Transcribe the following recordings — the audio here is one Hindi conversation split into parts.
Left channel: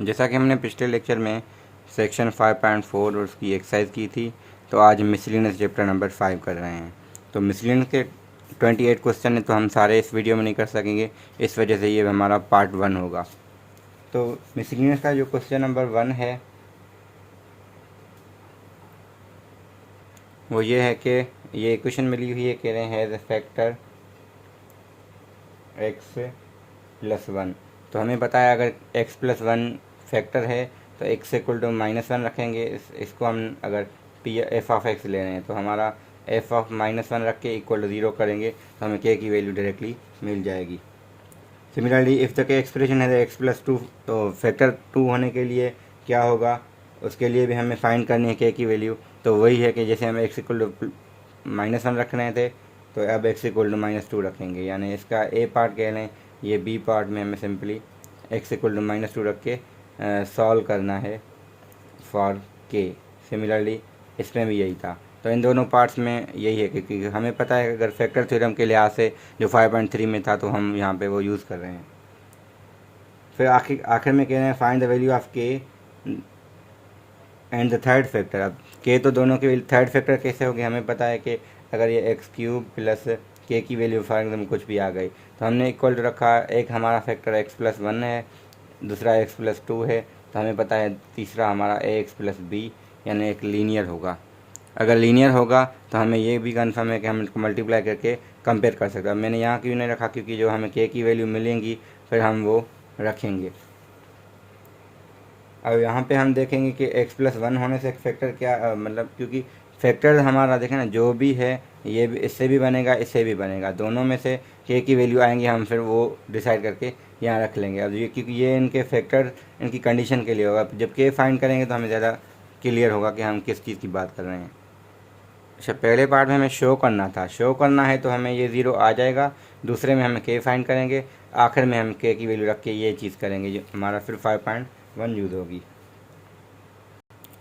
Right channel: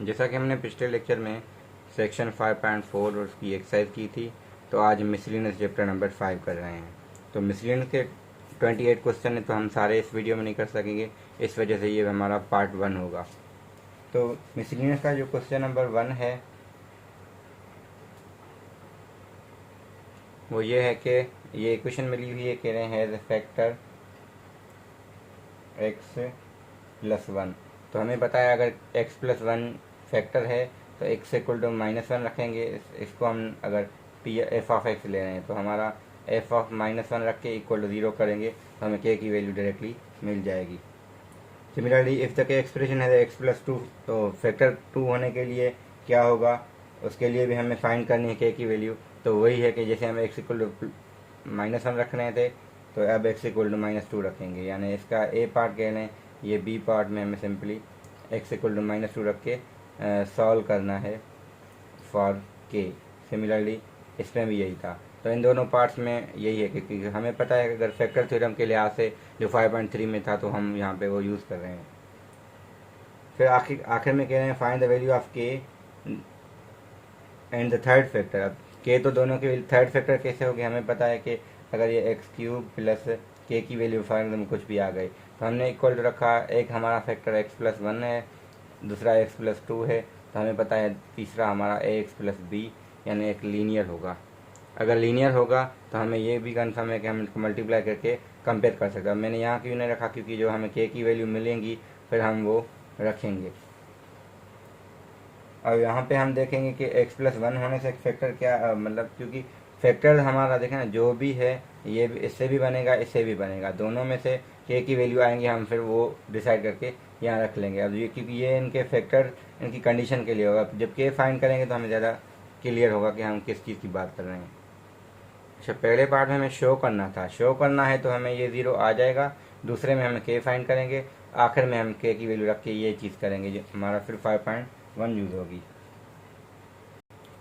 जैसा कि हमने पिछले लेक्चर में सेक्शन 5.4 और उसकी एक्सरसाइज की थी, तो आज मिसलिनियस चैप्टर नंबर 5 कर रहे हैं। तो मिसलिनियस के 28 क्वेश्चन है, तो हम सारे इस वीडियो में नहीं कर सकेंगे, इस वजह से ये हमारा पार्ट 1 होगा। तो मिसलिनियस का जो क्वेश्चन नंबर 1 है वो ये है कि ये इक्वेशन मिली हुई है, कह रहे हैं हैज़ अ फैक्टर x+1। तो हमें पता है अगर x+1 फैक्टर है तो x इक्वल टू -1 रखेंगे। इसको हम अगर f(x) ले रहे हैं तो हमारा f(-1) रख के इक्वल टू 0 करेंगे तो हमें k की वैल्यू डायरेक्टली मिल जाएगी। Similarly if the k expression है x+2, तो फैक्टर 2 होने के लिए क्या होगा, उसके लिए भी हमें फाइंड करनी है k की वैल्यू। तो वही है कि जैसे हमें x इक्वल टू -1 रख रहे थे, तो अब x इक्वल टू -2 रखेंगे, यानी इसका a पार्ट कह लें, ये b पार्ट में हमें सिंपली x इक्वल टू -2 रख के सॉल्व करना है फॉर k। सिमिलरली इसमें भी यही था। तो इन दोनों पार्ट्स में यही है, क्योंकि हमें पता है अगर फैक्टर थ्योरम के लिहाज से जो 5.3 में था, तो हम यहाँ पे वो यूज़ कर रहे हैं। फिर आखिर में कह रहे हैं find the value of k and the third factor. अब k तो दोनों के थर्ड फैक्टर कैसे होगी, हमें पता है कि अगर ये x³ प्लस k की वैल्यू फॉर एग्जाम्पल कुछ भी आ गई, तो हमने इक्वल टू रखा, एक हमारा फैक्टर x+1 है, दूसरा x+2 है, तो हमें पता है तीसरा हमारा ax+b, यानी एक लीनियर होगा। अगर लीनियर होगा तो हमें ये भी कन्फर्म है कि हम इसको मल्टीप्लाई करके कंपेयर कर सकते हैं। मैंने यहाँ क्यों नहीं रखा, क्योंकि जो हमें k की वैल्यू मिलेंगी फिर हम वो रखेंगे। अब यहाँ पे हम देखेंगे कि x+1 होने से फैक्टर क्या मतलब, क्योंकि फैक्टर हमारा देखें ना, जो भी है ये भी इससे भी बनेगा, इससे भी बनेगा, दोनों में से k की वैल्यू आएंगी, हम फिर वो डिसाइड करके यहाँ रख लेंगे। अब ये क्योंकि ये इनके फैक्टर इनकी कंडीशन के लिए होगा, जब k फाइंड करेंगे तो हमें ज़्यादा क्लियर होगा कि हम किस चीज़ की बात कर रहे हैं। अच्छा, पहले पार्ट में हमें शो करना था, शो करना है तो हमें ये 0 आ जाएगा, दूसरे में हमें k फाइंड करेंगे, आखिर में हम k की वैल्यू रख के ये चीज़ करेंगे, जो हमारा फिर 5.1 यूज़ होगी।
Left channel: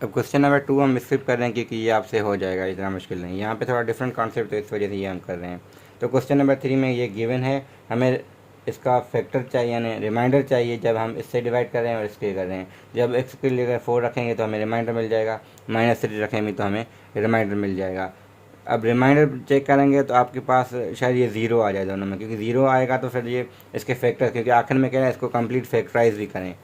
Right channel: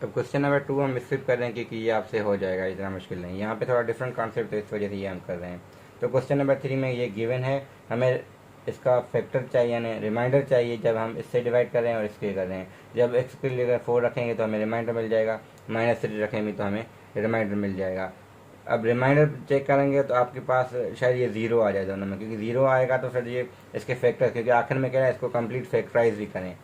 अब क्वेश्चन नंबर 2 हम स्किप कर रहे हैं, क्योंकि ये आपसे हो जाएगा, इतना मुश्किल नहीं। यहाँ पे थोड़ा डिफरेंट कॉन्सेप्ट है, इस वजह से ये हम कर रहे हैं। तो क्वेश्चन नंबर 3 में ये गिवन है, हमें इसका फैक्टर चाहिए, यानी रिमाइंडर चाहिए, जब हम इससे डिवाइड कर रहे हैं और इसके कर रहे हैं। जब x के लिए 4 रखेंगे तो हमें रिमाइंडर मिल जाएगा, -3 रखेंगे तो हमें रिमाइंडर मिल जाएगा। अब रिमाइंडर चेक करेंगे तो आपके पास शायद ये 0 आ जाए दोनों में, क्योंकि 0 आएगा तो फिर ये इसके फैक्टर, क्योंकि आखिर में कह रहे हैं इसको कंप्लीट फैक्टराइज भी करें,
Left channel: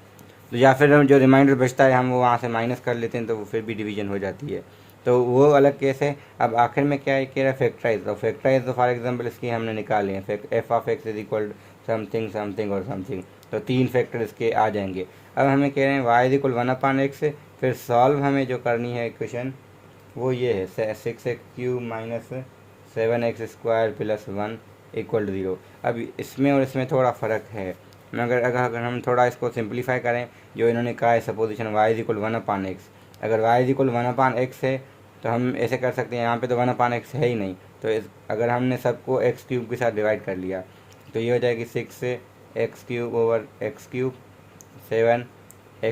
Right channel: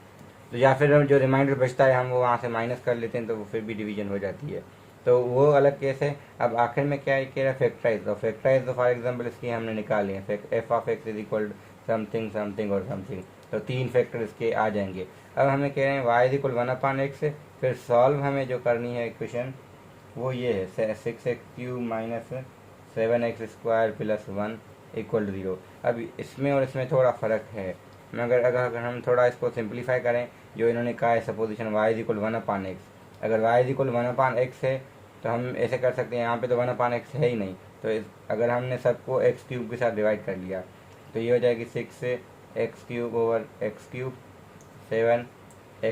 तो या फिर जो रिमाइंडर बचता है हम वो वहाँ से माइनस कर लेते हैं, तो वो फिर भी डिवीजन हो जाती है, तो वो अलग केस है। अब आखिर में क्या है, कह रहा है फैक्टराइज। तो फैक्टराइज तो फॉर एग्जांपल इसकी हमने निकाले हैं, f(x) is equal something something और समथिंग, तो 3 फैक्टर इसके आ जाएंगे। अब हमें कह रहे हैं y इज इक्वल 1/x, फिर सॉल्व हमें जो करनी है इक्वेशन वो ये है 6x³ - 7x² + 1 = 0। अब इसमें और इसमें थोड़ा फ़र्क है, मगर अगर हम थोड़ा इसको सिंप्लीफाई करें, जो इन्होंने कहा है supposition y is equal 1/x, अगर y इज इक्वल 1/x है तो हम ऐसे कर सकते हैं, यहाँ पे तो 1/x है ही नहीं, तो अगर हमने सबको x³ के साथ डिवाइड कर लिया तो ये हो जाएगी 6x³ / x³, 7x² /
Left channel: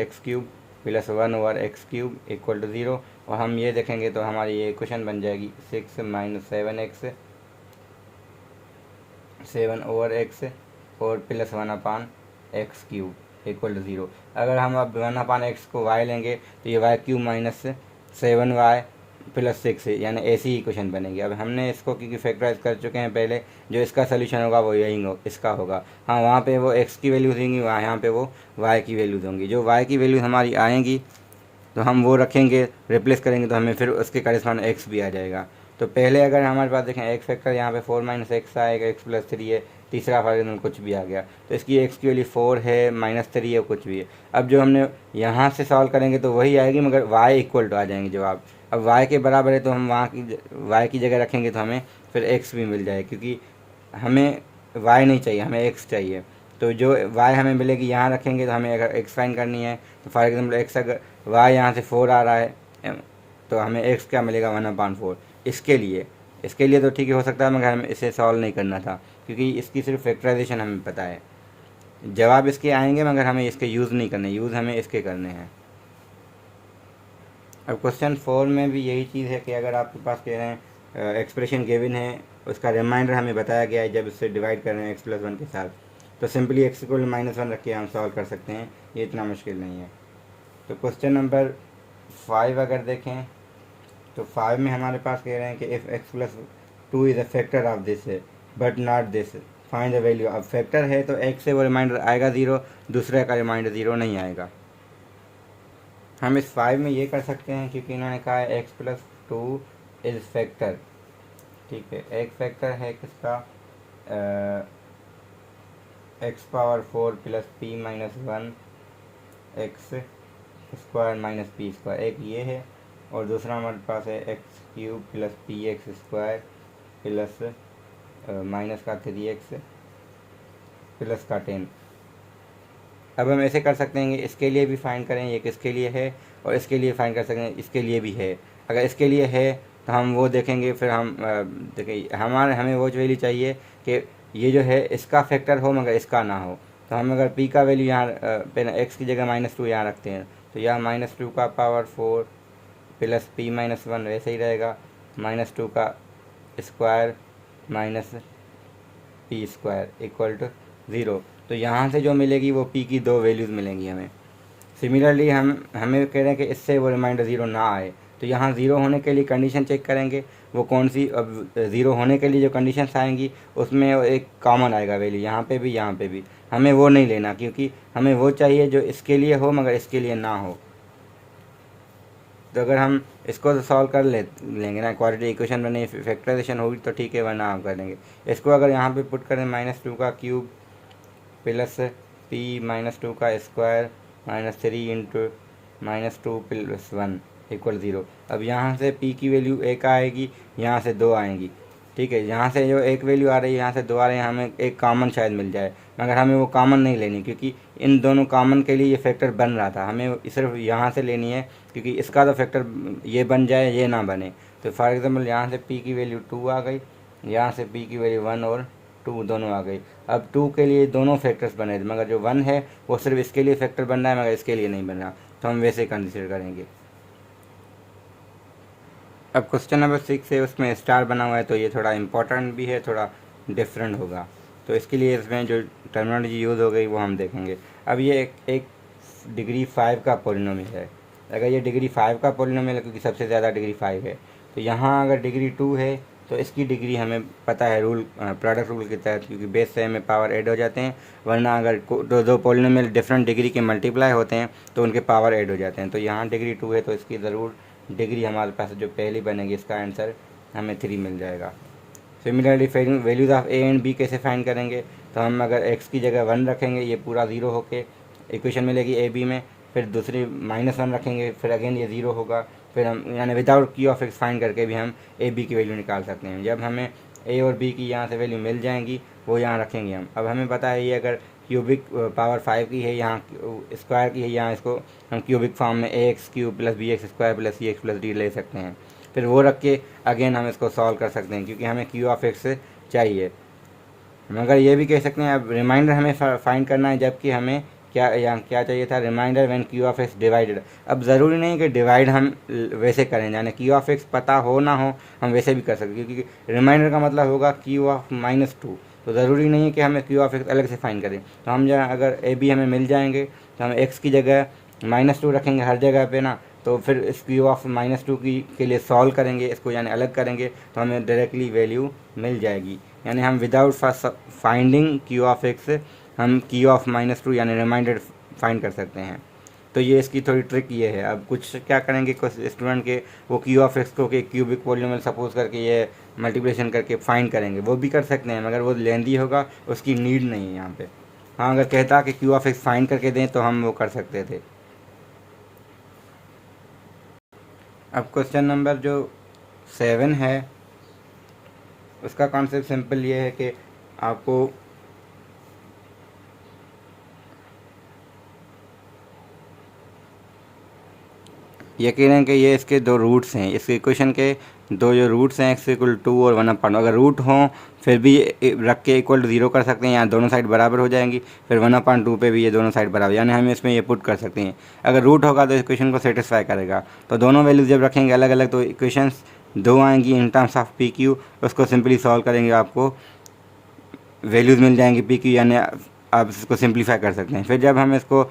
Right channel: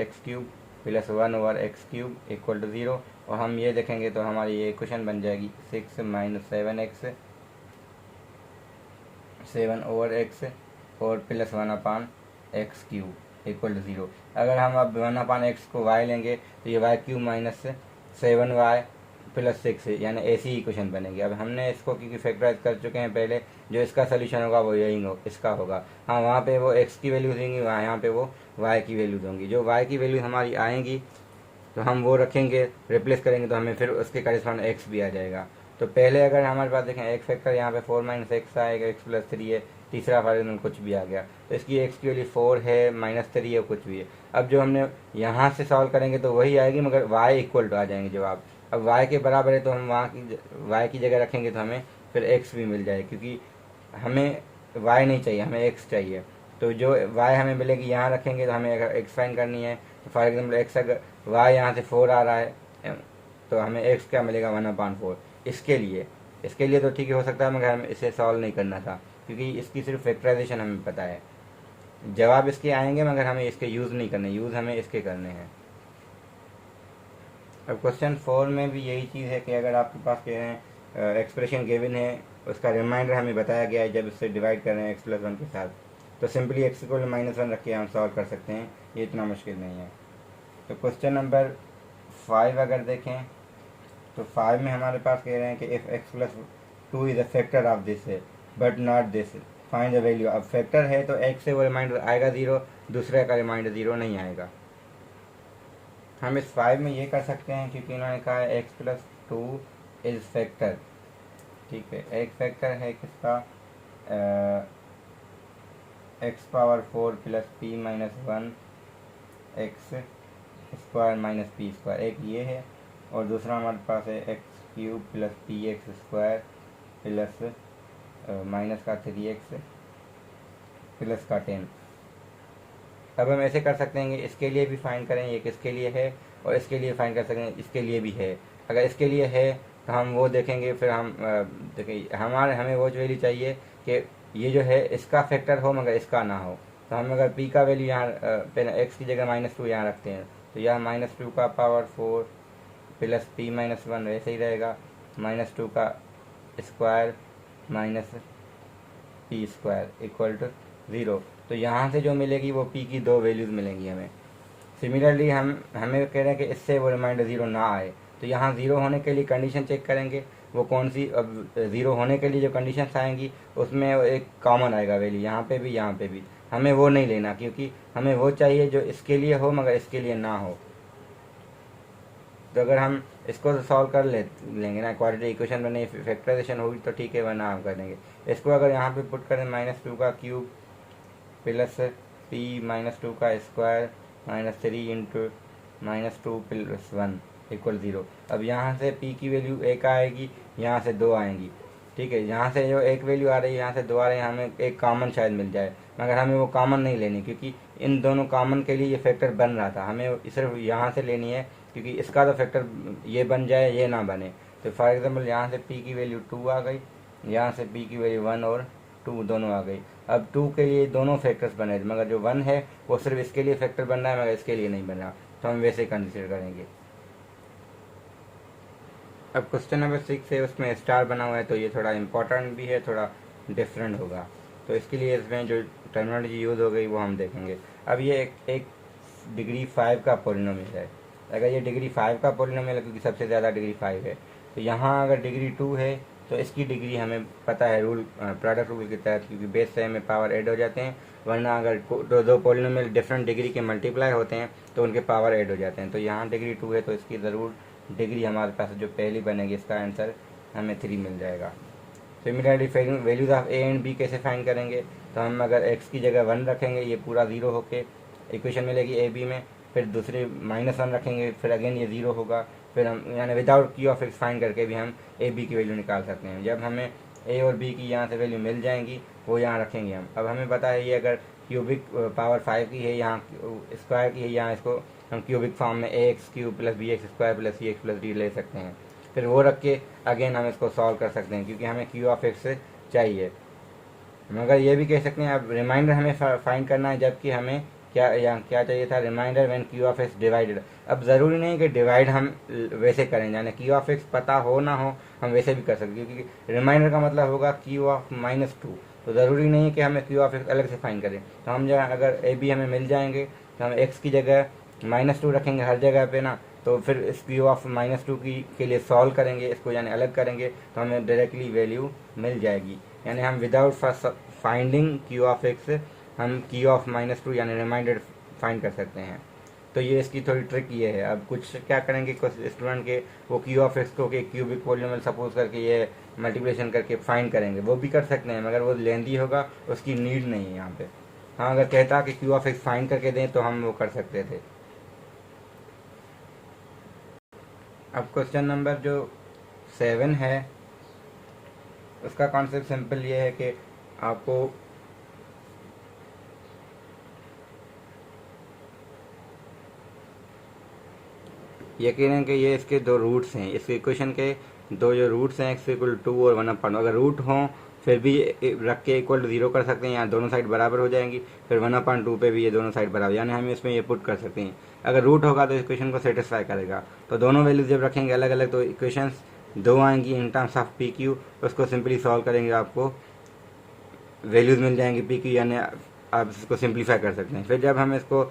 x³ + 1/x³ = 0। और हम ये देखेंगे तो हमारी ये इक्वेशन बन जाएगी 6 - 7x 7/x और + 1/x³ = 0। अगर हम अब 1/x को y लेंगे तो ये y³ - 7y + 6 है, यानी ऐसी ही इक्वेशन बनेगी। अब हमने इसको क्योंकि फैक्टराइज कर चुके हैं पहले, जो इसका सोल्यूशन होगा वो यही इसका होगा। हाँ, वहाँ पे वो x की वैल्यू देंगी, वहाँ यहाँ पे वो y की वैल्यू देंगी। जो y की वैल्यू हमारी आएंगी तो हम वो रखेंगे, रिप्लेस करेंगे, तो हमें फिर उसके करेस्पॉन्ड x भी आ जाएगा। तो पहले अगर हमारे पास देखें एक फैक्टर यहाँ पे 4 - x आएगा, x+3 है, तीसरा फॉर एग्जाम्पल कुछ भी आ गया, तो इसकी x की वैल्यू 4 है, -3 है, कुछ भी है। अब जो हमने यहाँ से सॉल्व करेंगे तो वही आएगी, मगर y इक्वल टू आ जाएंगे जवाब। अब y के बराबर है तो हम वहाँ की y की जगह रखेंगे तो हमें फिर x भी मिल जाए, क्योंकि हमें y नहीं चाहिए, हमें x चाहिए। तो जो y हमें मिलेगी यहाँ रखेंगे, तो हमें अगर x फाइंड करनी है तो फॉर एग्जाम्पल x अगर y यहाँ से 4 आ रहा है तो हमें x क्या मिलेगा 1/4। इसके लिए तो ठीक हो सकता है, मगर हमें इसे सॉल्व नहीं करना था, क्योंकि इसकी सिर्फ फैक्टराइजेशन हमें पता है। जवाब इसके आएंगे मगर हमें इसके यूज़ नहीं करने, यूज़ हमें इसके करने हैं। अब क्वेश्चन 4 में भी यही चीज़ है कि अगर आपके पास कह रहे हैं एक्सप्रेशन गिवन है, उसका रिमाइंडर हमें बताया गया है जब इससे डिवाइड कर रहे हैं x+1 के साथ, तो सिंपली एक्स इक्वल -1 रख के हम सॉल्व कर सकते हैं, ये इतना मुश्किल नहीं है। तो क्वेश्चन नंबर 5 अगर देखें तो 5 में हमारे पास कह रहे हैं कि if x plus 2 is a factor of this है but not this, find the value. अब फैक्टर है तो एक्स से वो रिमाइंडर आएगा 0, दूसरे का रिमाइंडर 0 नहीं आएगा। हम इस 5 में ये कर सकते हैं क्योंकि इन्होंने कहा है एक्स प्लस 2 इज फैक्टर, ठीक है। एक फैक्टर है किसका, x power 4 plus P minus 1 x square minus p square, एक ये है, और दूसरा हमारे पास है x cube plus P x square plus minus का 3x प्लस का 10। अब हम ऐसे कर सकते हैं कि इसके लिए भी फाइंड करें, ये किसके लिए है, और इसके लिए फाइंड कर सकते हैं इसके लिए भी है। अगर इसके लिए है तो हम वो देखेंगे, फिर हम देखिए हमें वो वैल्यू चाहिए कि ये जो है इसका फैक्टर हो मगर इसका ना हो। तो हम अगर p का वैल्यू यहाँ पहले x की जगह -2 यहाँ रखते हैं, तो यह -2 का पावर 4 प्लस p माइनस 1 वैसे ही रहेगा, -2 का square minus p square equal to 0। तो यहाँ से जो मिलेगी वो p की 2 वैल्यूज़ मिलेंगी हमें। सिमिलरली हमें कह रहे हैं कि इससे वो रिमाइंडर 0 ना आए, तो यहाँ 0 होने के लिए कंडीशन चेक करेंगे वो कौन सी। अब 0 होने के लिए जो कंडीशंस आएंगी उसमें एक कॉमन आएगा वैल्यू, यहाँ पे भी यहाँ पे भी। हमें वो नहीं लेना क्योंकि हमें वो चाहिए जो इसके लिए हो मगर इसके लिए ना हो। तो अगर हम इसको सॉल्व कर लेंगे ना, क्वाड्रेटिक इक्वेशन बने, फैक्टराइजेशन होगी तो ठीक है, वरना हम कर लेंगे। इसको अगर यहाँ पे पुट करें -2 का क्यूब प्लस p -2 का स्क्वायर -3 इंटू -2 प्लस 1 इक्वल 0। अब यहाँ से p की वैल्यू 1 आएगी, यहाँ से 2 आएंगी, ठीक है। यहाँ से जो एक वैल्यू आ रही है, यहाँ से 2 आ रहे हैं, हमें एक कॉमन शायद मिल जाए, मगर हमें वो कॉमन नहीं लेनी क्योंकि इन दोनों कॉमन के लिए ये फैक्टर बन रहा था। हमें सिर्फ यहाँ से लेनी है क्योंकि इसका तो फैक्टर ये बन जाए, ये ना बने। तो फॉर एग्जांपल यहाँ से p की वैल्यू 2 आ गई, यहाँ से p की वैल्यू 1 और 2 दोनों आ गई। अब 2 के लिए दोनों फैक्टर्स बने, मगर जो 1 है वो सिर्फ इसके लिए फैक्टर बन रहा है मगर इसके लिए नहीं बन रहा, तो हम वैसे कंसिडर करेंगे। अब क्वेश्चन नंबर 6 है, उसमें स्टार बना हुआ है, तो ये थोड़ा इंपॉर्टेंट भी है, थोड़ा डिफरेंट होगा, तो इसके लिए इसमें जो टर्मिनोलॉजी यूज़ हो गई वो हम देखेंगे। अब ये एक डिग्री 5 का पॉलिनोमियल है। अगर ये डिग्री 5 का पॉलिनोमियल है क्योंकि सबसे ज़्यादा डिग्री 5 है, तो यहाँ अगर डिग्री 2 है तो इसकी डिग्री हमें पता है रूल, प्रोडक्ट रूल के तहत, क्योंकि बेस से हमें पावर ऐड हो जाते हैं। वरना अगर दो पॉलिनोमियल डिफरेंट डिग्री के मल्टीप्लाई होते हैं तो उनके पावर ऐड हो जाते हैं। तो यहाँ डिग्री 2 है तो इसकी ज़रूर डिग्री हमारे पास जो पहली बनेगी इसका आंसर हमें 3 मिल जाएगा। Similarly values of a and b कैसे फाइंड करेंगे, तो हम अगर x की जगह 1 रखेंगे, ये पूरा 0 होके इक्वेशन मिलेगी ए बी में, फिर दूसरी -1 रखेंगे, फिर अगेन ये 0 होगा, फिर हम यानी विदाउट की ऑफ एक्स फाइंड करके भी हम ए बी की वैल्यू निकाल सकते हैं। जब हमें ए और बी की यहाँ से वैल्यू मिल जाएंगी वो यहाँ रखेंगे हम। अब हमें पता है ये अगर क्यूबिक पावर 5 की है, यहाँ स्क्वायर की है, यहाँ इसको हम क्यूबिक फॉर्म में ax³ plus bx square plus cx plus d ले सकते हैं। फिर वो रख के अगेन हम इसको सॉल्व कर सकते हैं क्योंकि हमें q ऑफ x चाहिए। मगर ये भी कह सकते हैं अब रिमाइंडर हमें फाइंड करना है, जबकि हमें क्या चाहिए था, reminder when q of x divided. अब ज़रूरी नहीं कि डिवाइड हम वैसे करें, यानी q ऑफ x पता हो ना हो हम वैसे भी कर सकते हैं, क्योंकि रिमाइंडर का मतलब होगा q ऑफ -2, तो ज़रूरी नहीं है कि हमें q ऑफ x अलग से फाइंड करें। तो हम जरा अगर ए बी हमें मिल जाएंगे तो हम x की जगह -2 रखेंगे हर जगह पे ना, तो फिर इस q ऑफ -2 के लिए सॉल्व करेंगे इसको, यानी अलग करेंगे, तो हमें डायरेक्टली वैल्यू मिल जाएगी। यानी हम without finding q of x हम q ऑफ -2 यानी रिमाइंडर फाइंड कर सकते हैं। तो ये इसकी थोड़ी ट्रिक ये है। अब कुछ क्या करेंगे कुछ स्टूडेंट के, वो q ऑफ x को के क्यूबिक पॉलिनोमियल सपोज करके ये मल्टीप्लिकेशन करके फाइंड करेंगे, वो भी कर सकते हैं मगर वो लेंदी होगा, उसकी नीड नहीं है यहाँ पे। हाँ, अगर कहता कि q ऑफ x फाइंड करके दें तो हम वो कर सकते थे। अब क्वेश्चन नंबर जो 7 है उसका कॉन्सेप्ट सिंपल ये है कि आपको ये कह रहे हैं कि ये इसके 2 रूट्स हैं, इस इक्वेशन के 2 जो रूट्स हैं x इक्वल 2 और 1/2। अगर रूट हों फिर भी रख के इक्वल टू 0 कर सकते हैं, यहाँ दोनों साइड बराबर हो जाएंगी, फिर 1/2 पे भी ये दोनों साइड बराबर, यानी हम इसमें ये पुट कर सकते हैं। अगर रूट होगा तो इक्वेशन को सेटिस्फाई करेगा। तो दोनों वैल्यूज जब रखेंगे अलग अलग तो इक्वेशंस 2 आएंगी इन टर्म्स ऑफ PQ, उसको सिंपली सॉल्व करेंगे, आपको वैल्यूज़ मिल जाएंगी PQ, यानी आप इसको सिंप्लीफाई कर सकते हैं। फिर जब हम इसको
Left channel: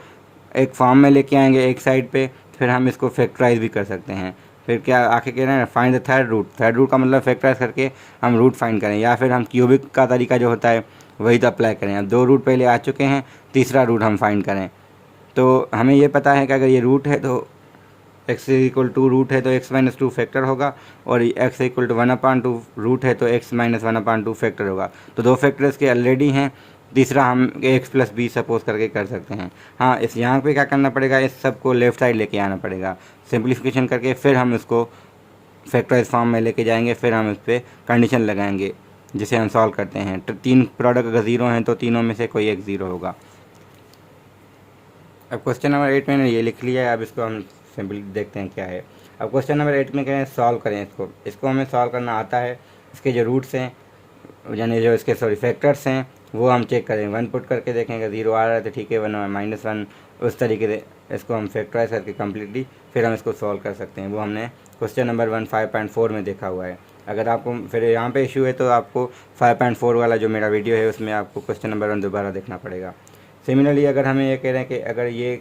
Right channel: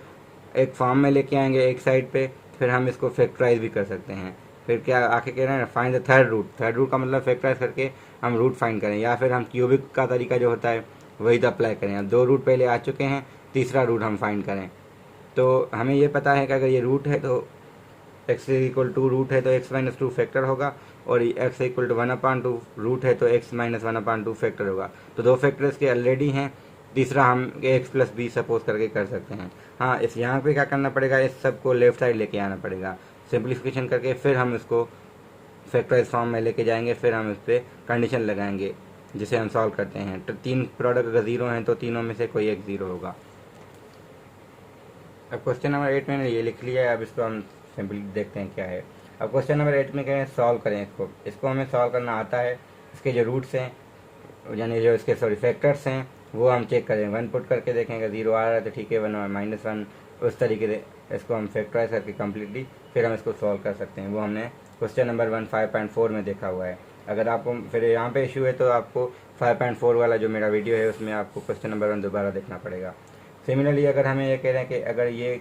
एक फॉर्म में लेके आएंगे एक साइड पे, फिर हम इसको फैक्टराइज भी कर सकते हैं। फिर क्या आके कह रहे हैं, find the third root. Third root का मतलब फैक्टराइज करके हम रूट फाइंड करें, या फिर हम क्यूबिक का तरीका जो होता है वही तो अप्लाई करें। अब 2 रूट पहले आ चुके हैं, तीसरा रूट हम फाइंड करें। तो हमें ये पता है कि अगर ये रूट है तो x इक्वल टू रूट है तो x माइनस टू फैक्टर होगा, और x इक्वल टू 1/2 रूट है तो x माइनस 1/2 फैक्टर होगा। तो 2 फैक्टर्स के ऑलरेडी हैं, तीसरा हम x प्लस बी सपोज करके कर सकते हैं। हाँ, इस यहाँ पे क्या करना पड़ेगा, इस सब को लेफ्ट साइड लेके आना पड़ेगा सिंप्लीफिकेशन करके, फिर हम इसको फैक्टराइज फॉर्म में लेके जाएंगे, फिर हम इस पर कंडीशन लगाएंगे जिसे हम सॉल्व करते हैं। तो 3 प्रोडक्ट अगर 0 हैं तो तीनों में से कोई एक 0 होगा। अब क्वेश्चन नंबर 8 मैंने ये लिख लिया है, अब इसको हम सिंपली देखते हैं क्या है। अब क्वेश्चन नंबर 8 में कहें सॉल्व करें इसको हमें सॉल्व करना आता है। इसके जो रूट्स हैं, यानी जो इसके फैक्टर्स हैं, वो हम चेक करेंगे। 1 पुट करके देखेंगे, 0 आ रहा है तो ठीक है, 1 -1 उस तरीके से इसको हम फैक्टराइज करके कम्प्लीटली फिर हम इसको सॉल्व कर सकते हैं। वो हमने क्वेश्चन नंबर 1 5.4 में देखा हुआ है। अगर आपको फिर यहाँ पे इशू है तो आपको 5.4 वाला जो मेरा वीडियो है उसमें आपको क्वेश्चन नंबर 1 दोबारा देखना पड़ेगा। सिमिलरली अगर हमें ये कह रहे हैं कि अगर ये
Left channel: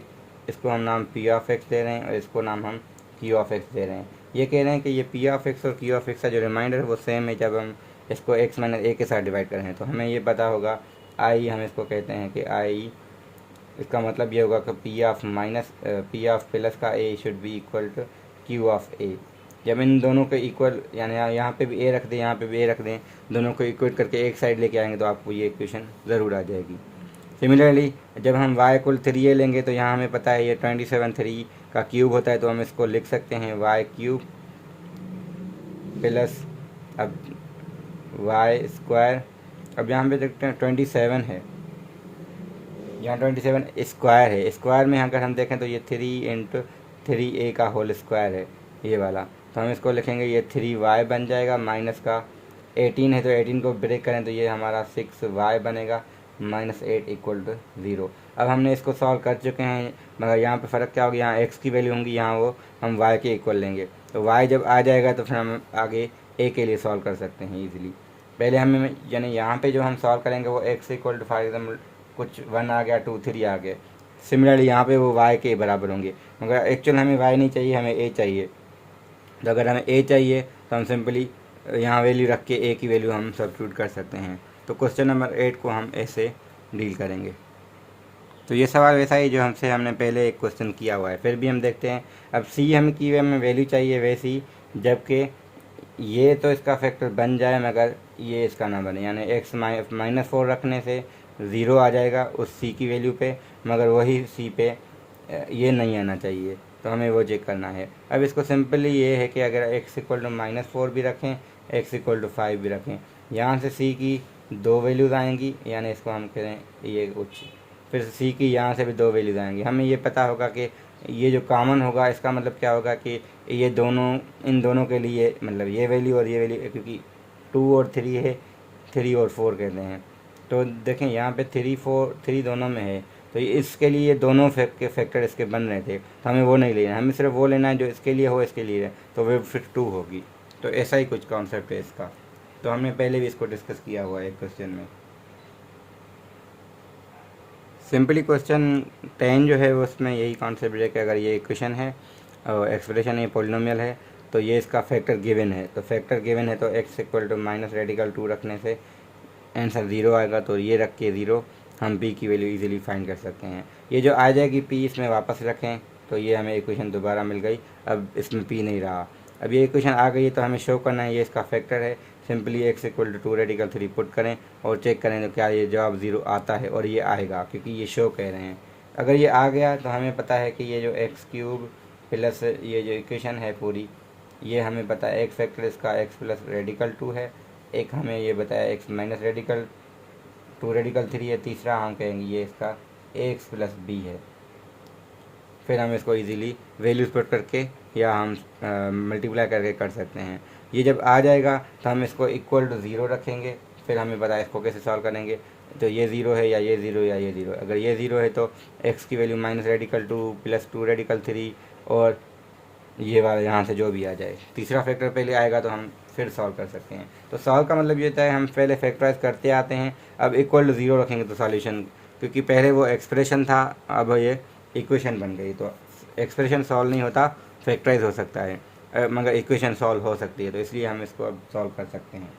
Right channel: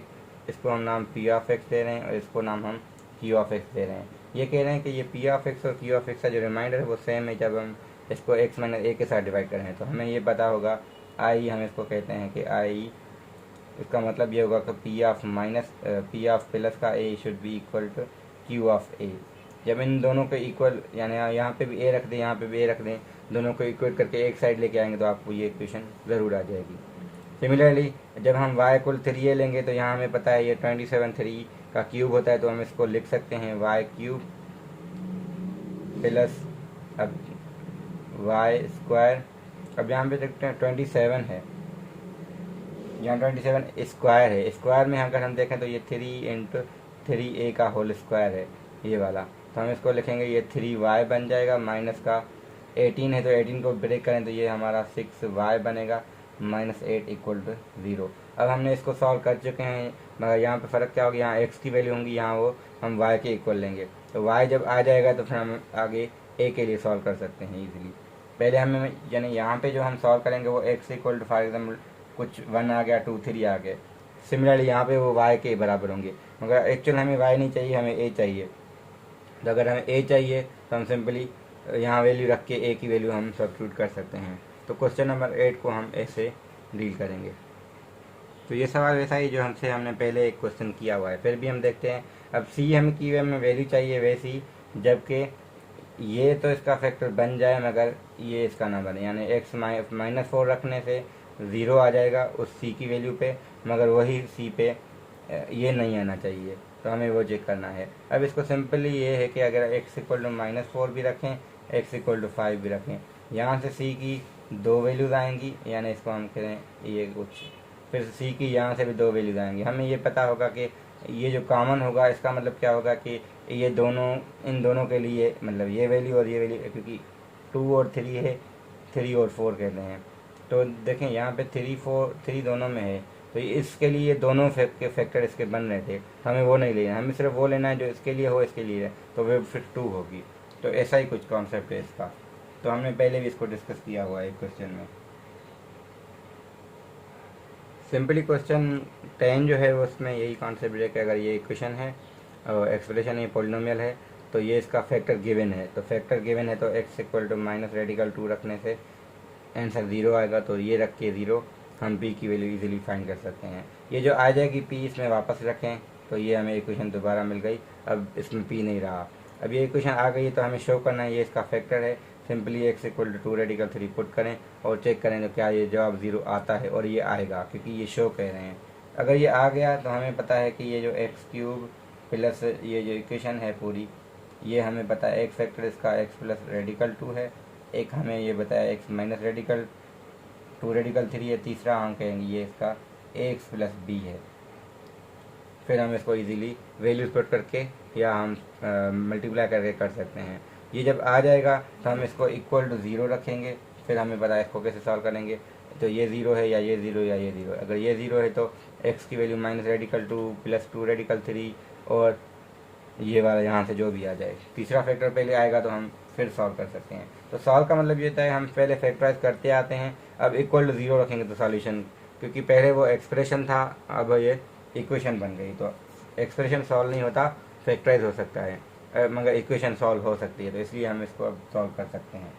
इसको हम नाम पी ऑफ एक्स दे रहे हैं और इसको नाम हम क्यू ऑफ एक्स दे रहे हैं, ये कह रहे हैं कि ये पी ऑफ एक्स और क्यू ऑफ एक्स का जो रिमाइंडर है वो सेम है जब हम इसको x माइनस ए के साथ डिवाइड कर रहे हैं। तो हमें ये पता होगा आई, हम इसको कहते हैं कि आई, इसका मतलब ये होगा कि पी ऑफ प्लस का a should be equal to q of a. जब इन दोनों के इक्वल, यानी यहाँ पे भी ए रख दें, यहाँ पे भी ए रख दें, दोनों को इक्वेट करके एक साइड लेके आएंगे तो आपको ये इक्वेशन ज़रूर आ जाएगी। सिमिलरली जब हम y इक्वल 3a लेंगे तो यहाँ हमें पता है ये 27 3 का क्यूब होता है, तो हम इसको लिख सकते हैं y क्यूब प्लस अब y स्क्वायर। अब यहाँ पे देखते हैं 27 है, यहाँ 27 स्क्वायर है। स्क्वायर में अगर हम देखें तो ये 3 × 3a का होल स्क्वायर है ये वाला, तो हम इसको लिखेंगे ये 3y बन जाएगा, माइनस का 18 है तो 18 को ब्रेक करें तो ये हमारा 6y बनेगा, -8 इक्वल टू 0। अब हमने इसको सॉल्व कर चुके हैं, मगर यहाँ पे फ़र्क क्या होगा, यहाँ x की वैल्यू होंगी, यहाँ वो हम y के इक्वल लेंगे। तो y जब आ जाएगा तो फिर हम आगे a के लिए सॉल्व कर सकते हैं ईजिली। पहले हमें यानी यहाँ पे जो हम सॉल्व करेंगे वो x equal to for example कुछ 1 आ गया, 2 3 आ गए। सिमिलरली यहाँ पे वो y के बराबर होंगे, मगर एक्चुअल हमें y नहीं चाहिए, हमें a चाहिए। तो अगर हमें a चाहिए तो हम सिंपली यहाँ वैल्यू रख के a की वैल्यू हम सब्स्टिट्यूट कर सकते हैं। तो क्वेश्चन नंबर 8 को हम ऐसे डील करेंगे। तो ये सवाल वैसा ही जो हमने पहले एक क्वेश्चन किया हुआ है, फिर भी हम देखते हैं। अब सी हम की हमें वैल्यू चाहिए वैसी, जबकि ये तो इसका फैक्टर बन जाए मगर ये इसका ना बने, यानी x -4 रखने से 0 आ जाएगा उस सी की वैल्यू पे, मगर वही सी पे ये नहीं आना चाहिए, तो हमें वो चेक करना है। अब इसको सिंपली ये है कि अगर x इक्वल टू -4 भी रखें, x इक्वल टू 5 भी रखें, यहाँ से सी की 2 वैल्यूज़ आएंगी, यानी इसको हम करें ये कुछ, फिर सी की यहाँ से भी 2 वैल्यूज़ आएंगी। हमें ये पता होगा कि ये जो कॉमन होगा इसका मतलब क्या होगा कि ये दोनों, इन दोनों के लिए मतलब ये वैल्यू और ये वैल्यू, क्योंकि 2 और 3 है, 3 और 4 कहते हैं। तो देखें यहाँ पे 3 दोनों में है, तो इसके लिए दोनों फैक्टर इसके बन रहे थे, तो हमें वो नहीं लेना है, हमें सिर्फ वो लेना है जो इसके लिए हो, इसके लिए है, तो वो फिर 2 होगी। तो ऐसा ही कुछ कॉन्सेप्ट है इसका, तो हमने पहले भी इसको डिस्कस किया हुआ है क्वेश्चन में। सिंपली क्वेश्चन 10 जो है वो उसमें यही कॉन्सेप्ट है कि अगर ये इक्वेशन है और एक्सप्रेशन ये पॉलिनोमियल है तो ये इसका फैक्टर गिवन है, तो फैक्टर गिवन है तो x इक्वल टू -2 रखने से आंसर 0 आएगा। तो ये रख के 0 हम p की वैल्यू इजीली फाइंड कर सकते हैं। ये जो आ जाएगी p इसमें वापस रखें तो ये हमें इक्वेशन दोबारा मिल गई, अब इसमें p नहीं रहा। अब ये इक्वेशन आ गई है तो हमें शो करना है ये इसका फैक्टर है। Simply x equal to 2 radical 3 put करें और चेक करें तो क्या ये जवाब 0 आता है, और ये आएगा क्योंकि ये शो कह रहे हैं। अगर ये आ गया तो हमें पता है कि ये जो x क्यूब प्लस ये जो इक्वेशन है पूरी, ये हमें पता है एक फैक्टर इसका x प्लस रेडिकल 2 है, एक हमें ये बताया x माइनस रेडिकल 2 रेडिकल 3 है, तीसरा हम कहेंगे ये इसका x प्लस b है। फिर हम इसको इजीली वैल्यूज पुट करके या हम मल्टीप्लाई करके कर सकते हैं। ये जब आ जाएगा तो हम इसको इक्वल टू 0 रखेंगे, फिर हमें पता है इसको कैसे सॉल्व करेंगे। तो ये 0 है या ये 0 या ये 0, अगर ये 0 है तो x की value minus radical 2 plus 2 radical 3 और ये वाला यहाँ से जो भी आ जाए, तीसरा फैक्टर पहले आएगा तो हम फिर सॉल्व कर सकते हैं। तो सॉल्व का मतलब ये होता है हम पहले फैक्टराइज करते आते हैं, अब इक्वल टू 0 रखेंगे तो सॉल्यूशन क्योंकि पहले वो एक्सप्रेशन था, अब ये इक्वेशन बन गई। तो एक्सप्रेशन सॉल्व नहीं होता, फैक्टराइज हो सकता है, मगर इक्वेशन सॉल्व हो सकती है, तो इसलिए हम इसको अब सॉल्व कर सकते हैं।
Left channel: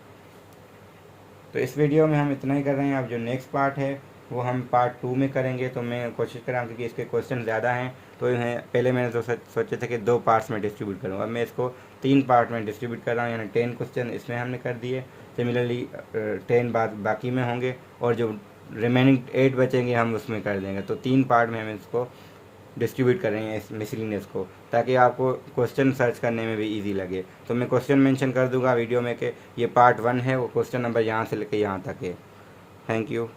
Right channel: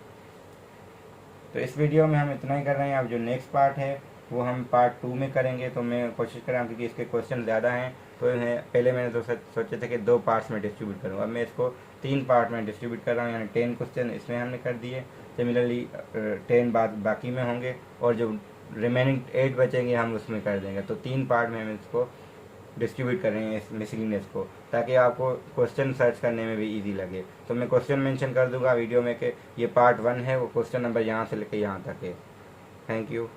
तो इस वीडियो में हम इतना ही कर रहे हैं। अब जो नेक्स्ट पार्ट है वो हम पार्ट 2 में करेंगे। तो मैं कोशिश कर रहा हूँ, क्योंकि इसके क्वेश्चन ज़्यादा हैं, तो इन्हें पहले मैंने तो सोचे थे कि 2 पार्ट्स में डिस्ट्रीब्यूट करूँ, अब मैं इसको 3 पार्ट में डिस्ट्रीब्यूट कर रहा हूँ। यानी 10 क्वेश्चन इसमें हमने कर दिए, सिमिलरली 10 बाकी में होंगे, और जो रिमेनिंग 8 बचेंगे हम उसमें कर देंगे। तो 3 पार्ट में हम इसको डिस्ट्रीब्यूट कर रहे हैं इस मिसलिनियस को, ताकि आपको क्वेश्चन सर्च करने में भी इजी लगे। तो मैं क्वेश्चन मेंशन कर दूंगा वीडियो में कि ये पार्ट 1 है, वो क्वेश्चन नंबर यहाँ से लेकर यहाँ तक है। Thank you.